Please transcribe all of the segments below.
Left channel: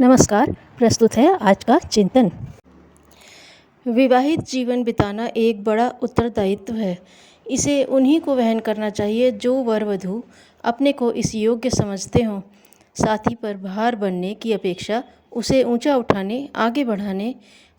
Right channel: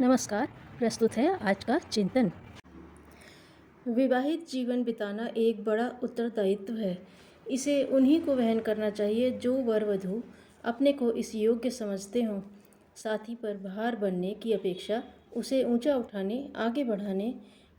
नमस्कार। प्रस्तुत है आज का चिंतन। विवाहित जीवन बिताना एक बड़ा उत्तरदायित्व है। इसे उन्हीं को वहन करना चाहिए जो वर वधू अपने को इस योग्य समझते हों। साथी पर भार बनने की अपेक्षा उसे ऊंचा उठाने, आगे बढ़ाने,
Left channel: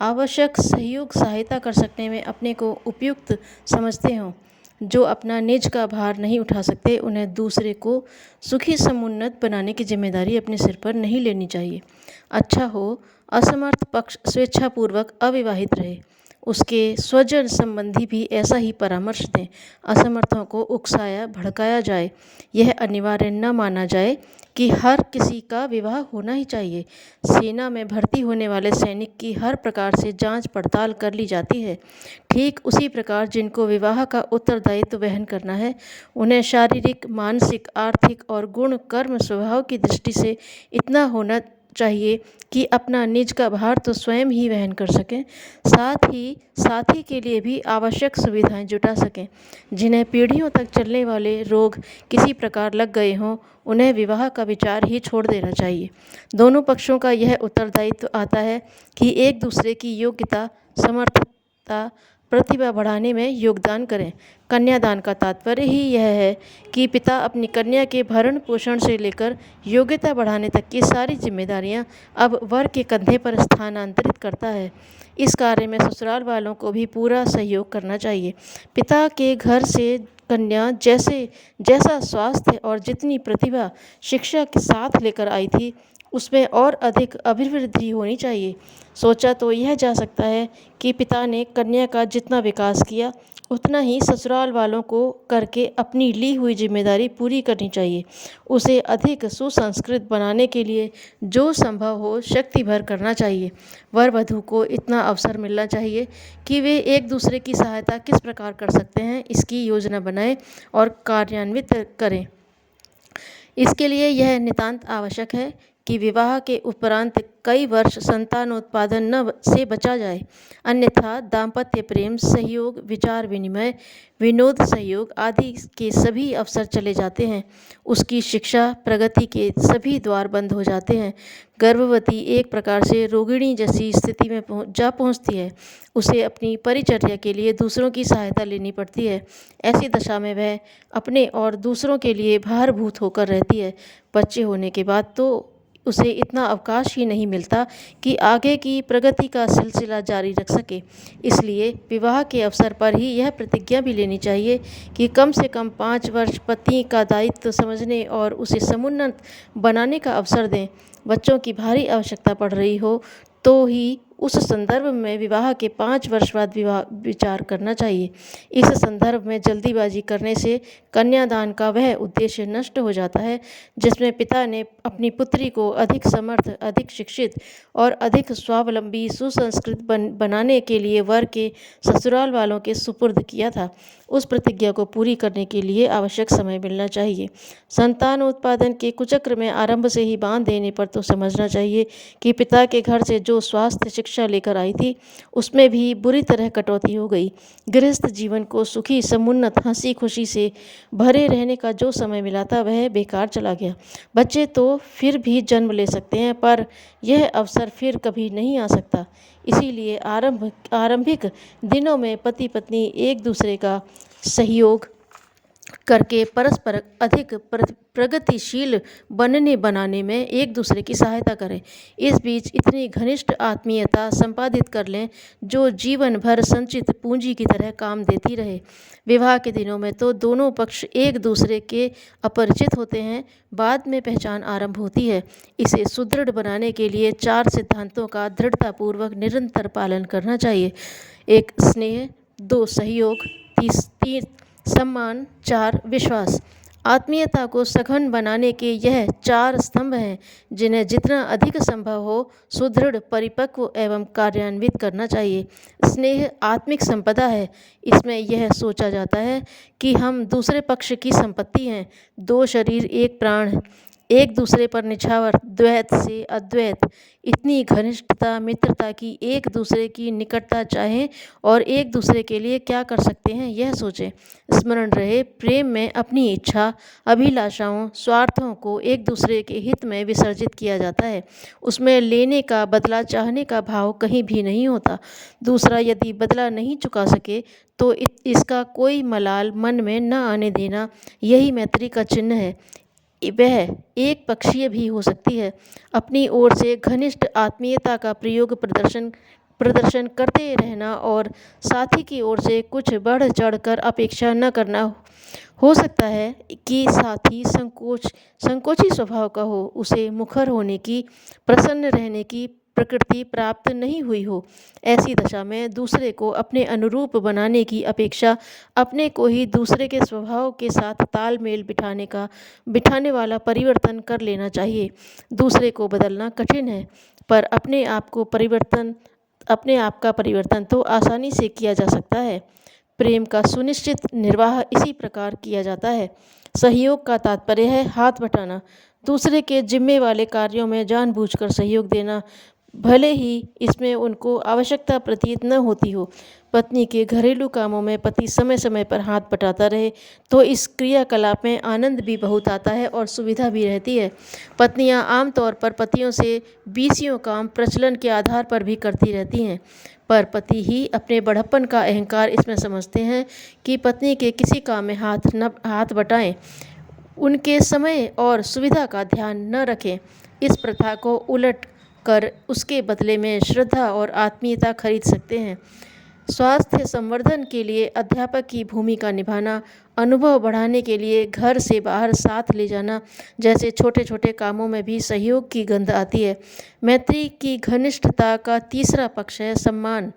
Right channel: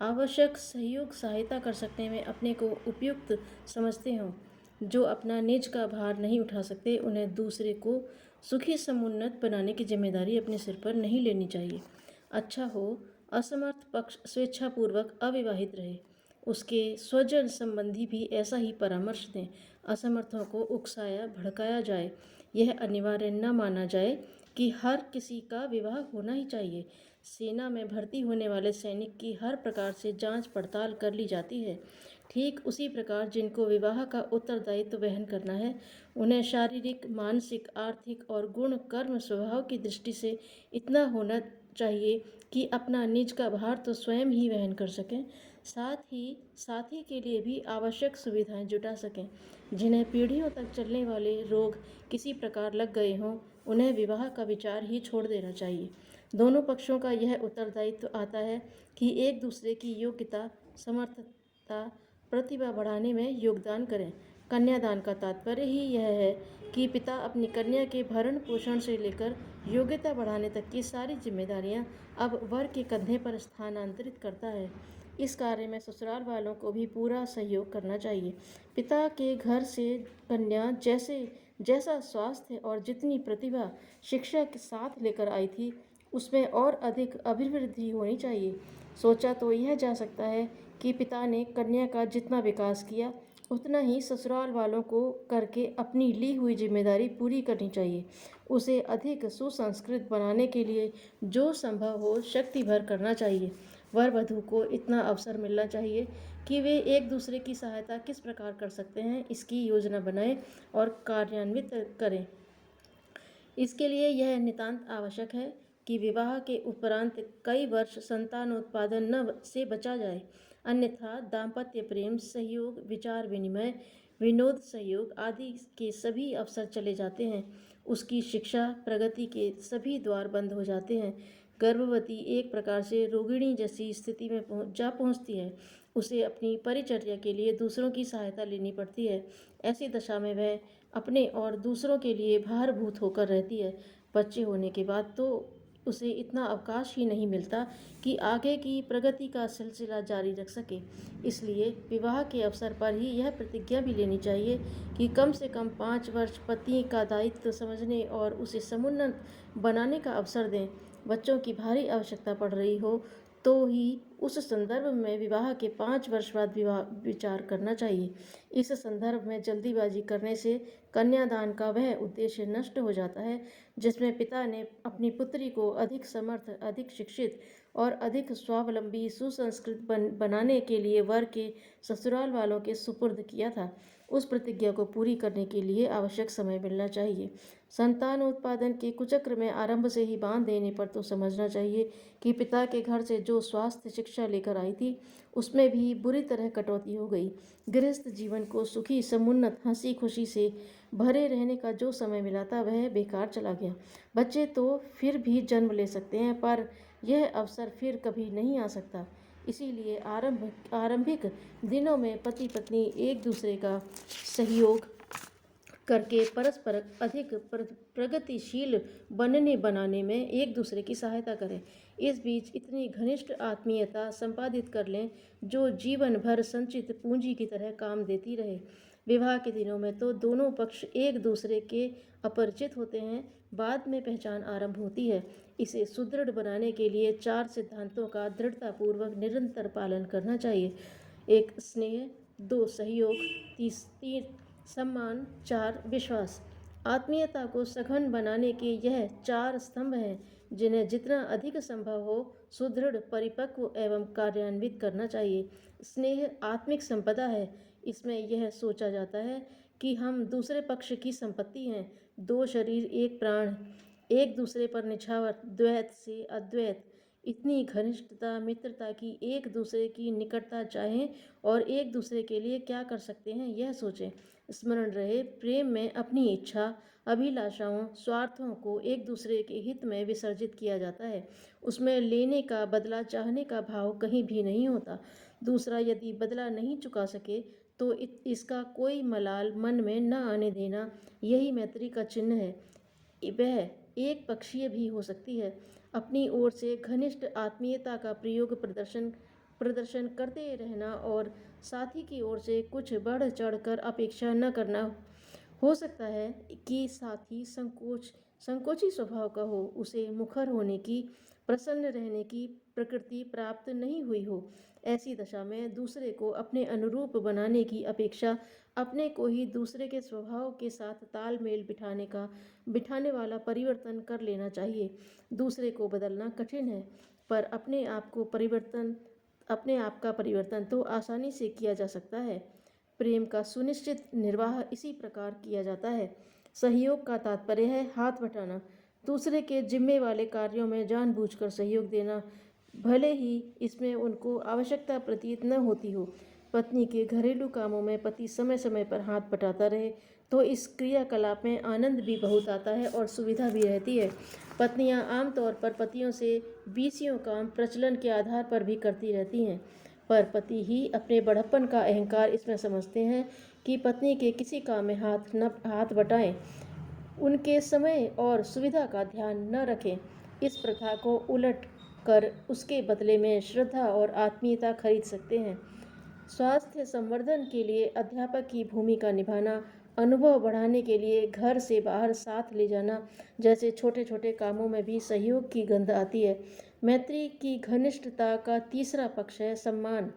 आवश्यक सहयोग सहायता कर सकने में अपने को उपयुक्त समझते हों। जो अपना निज का भार नहीं उठा सकते, उन्हें दूसरे को सुखी समुन्नत बनाने की जिम्मेदारी अपने सिर पर नहीं लेनी चाहिए। अच्छा हो असमर्थ पक्ष स्वेच्छापूर्वक अविवाहित रहे, उसके स्वजन संबंधी भी ऐसा ही परामर्श दें। असमर्थों को उकसाया भड़काया जाए, यह अनिवार्य न माना जाए कि हर किसी का विवाह होना ही चाहिए। सेना में भर्ती होने वाले सैनिक की हर प्रकार से जांच पड़ताल कर ली जाती है। ठीक उसी प्रकार जिनको विवाह का उत्तरदायित्व वहन करना है, उन्हें शारीरिक, मानसिक, आर्थिक और गुण कर्म स्वभाव की दृष्टि से इतना होना चाहिए कि अपना निज का भार तो स्वयं ही वहन कर सकें, साथ ही साथी के लिए भी आवश्यक सुविधाएं जुटा सकें। जिन्हें पीढ़ियों तक चलने वाले रोग किसी प्रकार लग गए हों, उन्हें विवाह का विचार ही छोड़ देना चाहिए। दोनों पक्षों का यह उत्तरदायित्व आता है कि एक दूसरे की योग्यता, समर्थता, प्रतिभा बढ़ाने में योगदान करें। कन्यादान का तात्पर्य ही यह है कि पिता अपनी कन्या के भरण पोषण से लेकर योग्यता बढ़ाने तक की सारी जिम्मेदारियां अब वर के कंधे पर स्थानांतरित करता है। इस कार्य में ससुराल वालों को भी पूरा सहयोग करना चाहिए। पिता के घर से कन्या जैसा स्वास्थ्य और जितनी प्रतिभा शिक्षा के साथ लेकर आई थी, उसमें और अधिक अभिवृद्धि होनी चाहिए। सोचा तो यह जा सकता है कि पिता ने कन्या का जितना विकास किया, उतना ही ससुराल वालों को करके अपनी ली हुई जिम्मेदारी पूरी करनी चाहिए। उसे अधिक सुसंस्कृत बनाने के लिए जो संभव हो शक्ति भर करना चाहिए। वर वधू को इतना अवसर मिलना चाहिए कि वे एक दूसरे की सहायता किस प्रकार कर सकते हैं, इसकी योजना बनाएं और कार्यान्वित करें। इसके लिए यह नितांत आवश्यक है कि विवाह के उपरांत कई वर्ष संतानोत्पादन न से बचा जाए, अन्यथा दाम्पत्य प्रेम, सहयोग, विचार विनिमय, विनोद सहयोग आदि के सभी अवसर चले जाते हैं। उसकी शिक्षा, प्रगति के सभी द्वार बंद हो जाते हैं। गर्भवती एक प्रकार से रोगिणी जैसी स्थिति में पहुंचती है। उसे अपनी परिचर्या के लिए दूसरों की सहायता लेनी पड़ती है। ऐसी दशा में वह अपने और दूसरों के लिए भारभूत होकर रहती है। बच्चे होने के बाद तो उसे इतना अवकाश ही नहीं मिलता कि आगे की प्रगति का सिलसिला जारी रख सके। इसलिए विवाह के अवसर पर ही यह प्रतिज्ञा भी लेनी चाहिए कि कम से कम 5 वर्ष पति का दायित्व समझने और उसे समुन्नत बनाने का अवसर दें। बच्चों की भारी आवश्यकता पड़ रही हो तो ही उस संदर्भ में विवाह के 5 वर्ष बाद विचार करना चाहिए। इस संदर्भ में जल्दीबाजी करने से कन्यादान का वह उद्देश्य नष्ट हो जाता है जिसमें पिता ने अपनी पुत्री को अधिक समर्थ, अधिक शिक्षित और अधिक स्वावलंबी, सुसंस्कृत बनाने के लिए वर के ससुराल वालों के सुपुर्द किया था। उस प्रतिज्ञा को पूरी करने के लिए आवश्यक समय मिलना चाहिए। संतान उत्पादन के कुचक्र में आरंभ से ही बांध देने पर तो समझना चाहिए कि पिता के घर से जो स्वास्थ्य शिक्षा लेकर आई थी, उसमें भी बुरी तरह कटौती हो गई। गृहस्थ जीवन को सुखी समुन्नत हंसी खुशी से भरे रहने का जो समय मिला था, वह बेकार चला गया। बच्चे तो फिर भी जन्म ले सकते हैं, पर यह अवसर फिर कभी नहीं आ सकता। इसीलिए आरंभिक दिनों में पति पत्नी एक दूसरे का सहयोग करके परस्पर अधिक प्रगतिशील बनने बनाने में एक दूसरे की सहायता करें। इस बीच इतनी घनिष्ठ आत्मीयता संपादित कर लें जो जीवन भर संचित पूंजी की तरह काम देती रहे। विवाह के दिनों में तो दोनों पक्ष एक दूसरे के अपरिचित होते हैं, बाद में पहचान आरंभ होती है। इसे सुदृढ़ बनाने के लिए 4 सिद्धांतों का दृढ़तापूर्वक निरंतर पालन करना चाहिए। 1 स्नेह, 2 सहयोग, 3 सम्मान, 4 विश्वास। आत्मीयता को सघन बनाने के यह 4 स्तंभ हैं जिन्हें जितना अधिक संभव हो सुदृढ़, परिपक्व एवं कार्यान्वित करना चाहिए। स्नेह आत्मिक संपदा है। इसमें यह सोचा जाता है कि हम दूसरे पक्ष की संपत्ति हैं। 2 शरीर एक प्राण एक दूसरे पर निछावर, द्वैत से अद्वैत, इतनी घनिष्ठता, मित्रता की एक दूसरे की निकटता चाहें और एक दूसरे के लिए क्या कर सकते हैं यह सोचें। स्मरण रहे, प्रेम में अपनी इच्छा, अभिलाषाओं, स्वार्थों को एक दूसरे के हित में विसर्जित किया जाता है। उसमें लेने का, बदला चाहने का भाव कहीं भी नहीं होता। दूसरा यदि बदला नहीं चुका सके तो इसका कोई मलाल मन में न आने देना, यही मैत्री का चिन्ह है। वह एक पक्षीय भी हो सकती है। अपनी ओर से घनिष्ठ आत्मीयता का प्रदर्शन करते रहना और साथी की ओर से कुछ बढ़ चढ़कर अपेक्षा न करना। हो सकता है कि साथी संकोची स्वभाव का हो, उसे मुखर होने की, प्रसन्न रहने की प्रकृति प्राप्त नहीं हुई हो। ऐसी दशा में दूसरे को अपने अनुरूप बनाने की अपेक्षा अपने को ही दूसरे के स्वभाव के साथ तालमेल बिठाने वाला परिवर्तन कर लेना चाहिए। दूसरे को बदलना कठिन है, पर अपने आप का परिवर्तन तो आसानी से किया जा सकता है। प्रेम का सुनिश्चित निर्वाह इसी प्रकार किया जाता है। सहयोग का तात्पर्य है हाथ बटाना, दूसरे के जिम्मे वाले कार्यों में जानबूझकर सहयोग देना, भले ही इसमें उनको आवश्यकता प्रतीत न होती हो। पत्नी के घरेलू कामों में पति समय समय पर हाथ बटाता रहे तो इस क्रियाकलाप में आनंद भी बहुत आता है और सुविधा भी रहती है। पत्नियां आमतौर पर पतियों से बीसियों काम प्रचलन के आधार पर भी करती रहती हैं, पर पति ही अपने बड़प्पन का अहंकार इसमें समझते हैं कि पत्नी के किसी काम में हाथ बटाएं, उनके समय और सुविधा का ध्यान न रखें। इस प्रथा को उलट कर उसके बदले में श्रद्धा और आत्मीयता खरीद सकते हैं। स्वास्थ्य संवर्धन के लिए अध्यापक की भूमिका निभाना, अनुभव बढ़ाने के लिए घर से बाहर साथ ले जाना जैसे छोटे छोटे कामों में भी सहयोग की गंध आती है। मैत्री की घनिष्ठता का तीसरा पक्ष है सम्मान।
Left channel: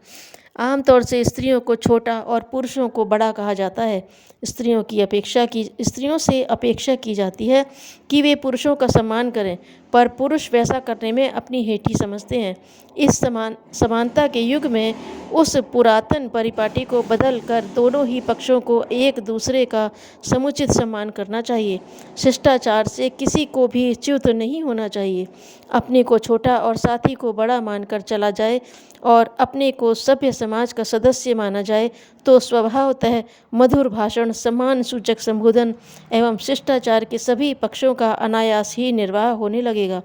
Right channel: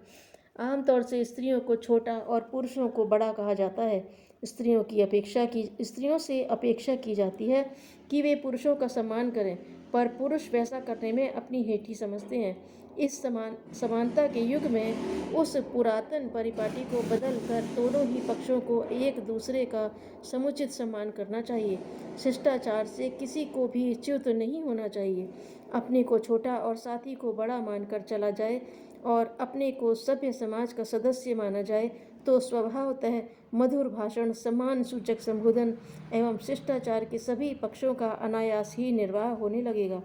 आमतौर से स्त्रियों को छोटा और पुरुषों को बड़ा कहा जाता है। स्त्रियों से अपेक्षा की जाती है कि वे पुरुषों का सम्मान करें, पर पुरुष वैसा करने में अपनी हेठी समझते हैं। इस समानता के युग में उस पुरातन परिपाटी को बदल कर दोनों ही पक्षों को एक दूसरे का समुचित सम्मान करना चाहिए। शिष्टाचार से किसी को भी च्युत नहीं होना चाहिए। अपने को छोटा और साथी को बड़ा मानकर चला जाए और अपने को सभ्य समाज का सदस्य माना जाए तो स्वभावतः मधुर भाषण, सम्मान सूचक संबोधन एवं शिष्टाचार के सभी पक्षों का अनायास ही निर्वाह होने लगेगा।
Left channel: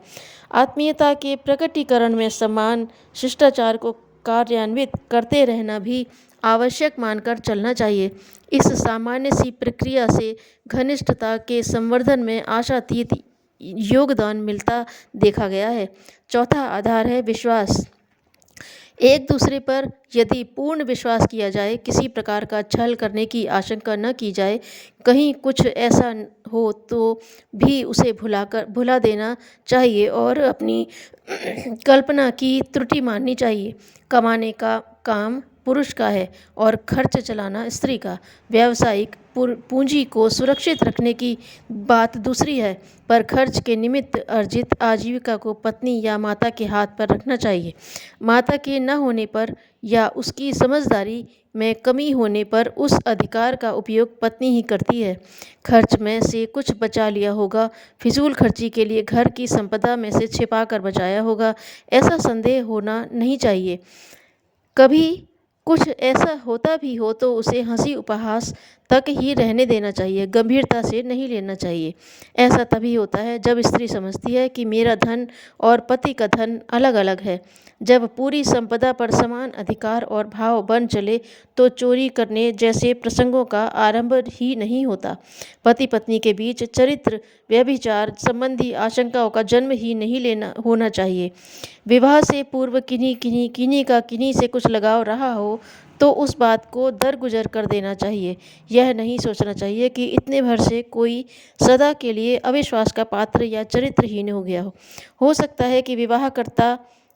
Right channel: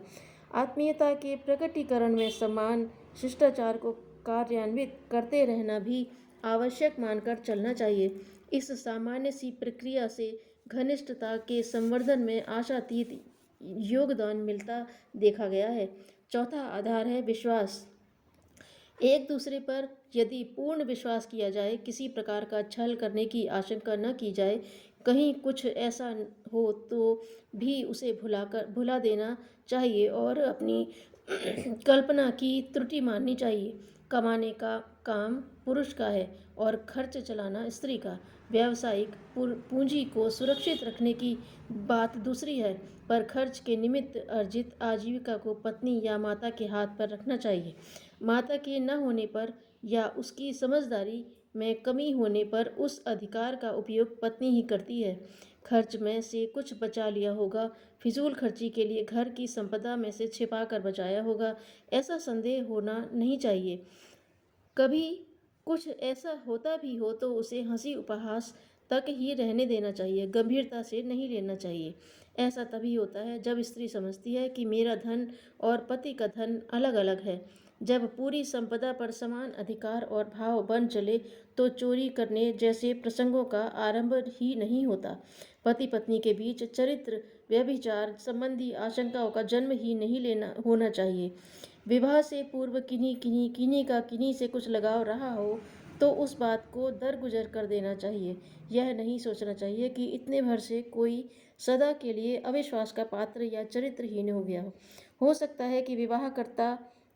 आत्मीयता के प्रकटीकरण में सम्मान, शिष्टाचार को कार्यान्वित करते रहना भी आवश्यक मानकर चलना चाहिए। इस सामान्य सी प्रक्रिया से घनिष्ठता के संवर्धन में आशातीत योगदान मिलता देखा गया है। चौथा आधार है विश्वास। एक दूसरे पर यदि पूर्ण विश्वास किया जाए, किसी प्रकार का छल करने की आशंका न की जाए, कहीं कुछ ऐसा हो तो भी उसे भुला देना चाहिए और अपनी कल्पना की त्रुटि माननी चाहिए। कमाने का काम पुरुष का है और खर्च चलाना स्त्री का। व्यावसायिक पूंजी को सुरक्षित रखने की बात दूसरी है, पर खर्च के निमित्त अर्जित आजीविका को पत्नी या माता के हाथ पर रखना चाहिए। माता के न होने पर या उसकी समझदारी में कमी होने पर उस अधिकार का उपयोग पत्नी ही करती है। खर्च में से कुछ बचा लिया होगा, फिजूल खर्ची के लिए घर की संपदा में से छिपा कर बचाया होगा, ऐसा संदेह होना नहीं चाहिए। कभी कुछ ऐसा होता भी हो तो उसे हंसी उपहास तक ही रहने देना चाहिए, गंभीरता से नहीं लेना चाहिए। ऐसा तभी होता है जब स्त्री समझती है कि मेरा धन और पति का धन अलग अलग है। जब पूरी संपदा पर समान अधिकार और भाव बन चले तो चोरी करने जैसे प्रसंगों का आरंभ ही नहीं होता। पति पत्नी के बीच चरित्र व्यभिचार संबंधी आशंकाओं का जन्म ही नहीं होना चाहिए। विवाह से पूर्व किन्हीं से कुछ लगाव रहा हो तो उस बात को दरगुजर कर देना चाहिए। यह नहीं सोचना चाहिए कि इतने भर से कोई सदा के लिए अविश्वास का पात्र या चरित्रहीन हो गया हो सकता है कि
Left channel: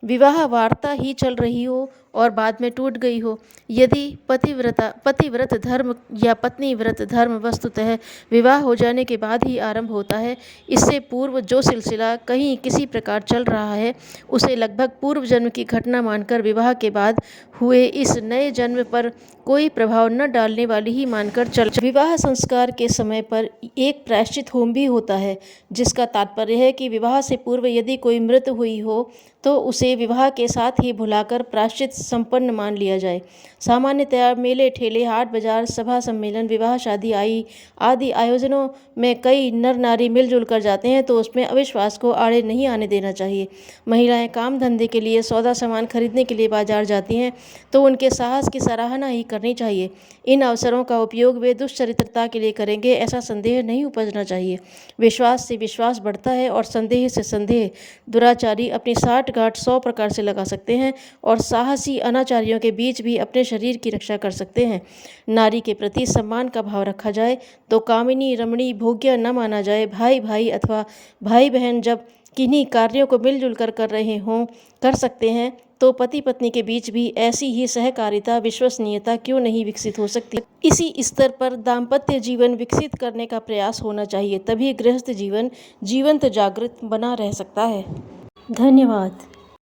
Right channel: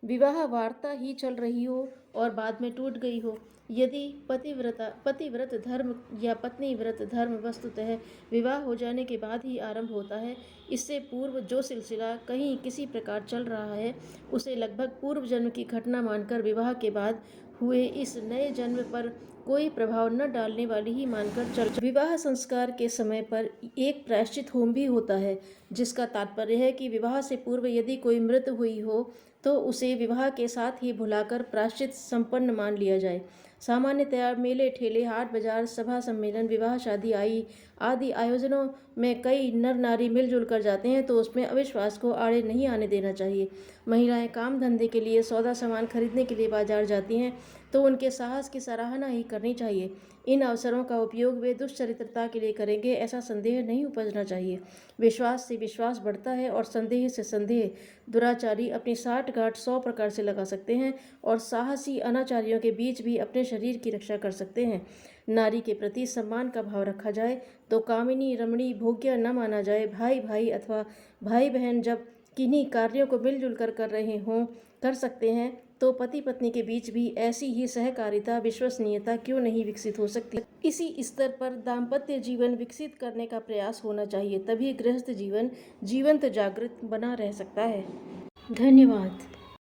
विवाह वार्ता ही चल रही हो और बाद में टूट गई हो। यदि पतिव्रत धर्म या पत्नी व्रत धर्म वस्तुतः विवाह हो जाने के बाद ही आरंभ होता है, इससे पूर्व जो सिलसिला कहीं किसी प्रकार चल रहा है उसे लगभग पूर्व जन्म की घटना मानकर विवाह के बाद हुए इस नए जन्म पर कोई प्रभाव न डालने वाली ही मानकर चल। विवाह संस्कार के समय पर एक प्रायश्चित होम भी होता है, जिसका तात्पर्य है कि विवाह से पूर्व यदि कोई मृत हुई हो तो उसे विवाह के साथ ही भुलाकर प्रायश्चित संपन्न मान लिया जाए। सामान्यतया मेले ठेले, हाट बाजार, सभा सम्मेलन, विवाह शादी आदि आयोजनों में कई नर नारी मिलजुल कर जाते हैं, तो उसमें अविश्वास को आड़े नहीं आने देना चाहिए। महिलाएं काम धंधे के लिए, सौदा सामान खरीदने के लिए बाजार जाती हैं, तो उनके साहस की सराहना ही करनी चाहिए। इन अवसरों का उपयोग वे दुष्चरित्रता के लिए करेंगे, ऐसा संदेह नहीं उपजना चाहिए। विश्वास से विश्वास बढ़ता है और संदेह से संदेह। दुराचारी अपनी साठ गांठ 100 प्रकार से लगा सकते हैं और साहसी अनाचारियों के बीच भी अपने शरीर की रक्षा कर सकते हैं। नारी के प्रति सम्मान का भाव रखा जाए तो कामिनी रमणी भोग्य न माना जाए। भाई भाई अथवा भाई बहन जब किन्हीं कार्यों को मिलजुल कर रहे हों, कर सकते हैं, तो पति पत्नी के बीच भी ऐसी ही सहकारिता, विश्वसनीयता क्यों नहीं विकसित हो सकती। इसी स्तर पर दाम्पत्य जीवन विकसित करने का प्रयास होना चाहिए, तभी गृहस्थ जीवन जीवंत जागृत बना रह सकता है। धन्यवाद।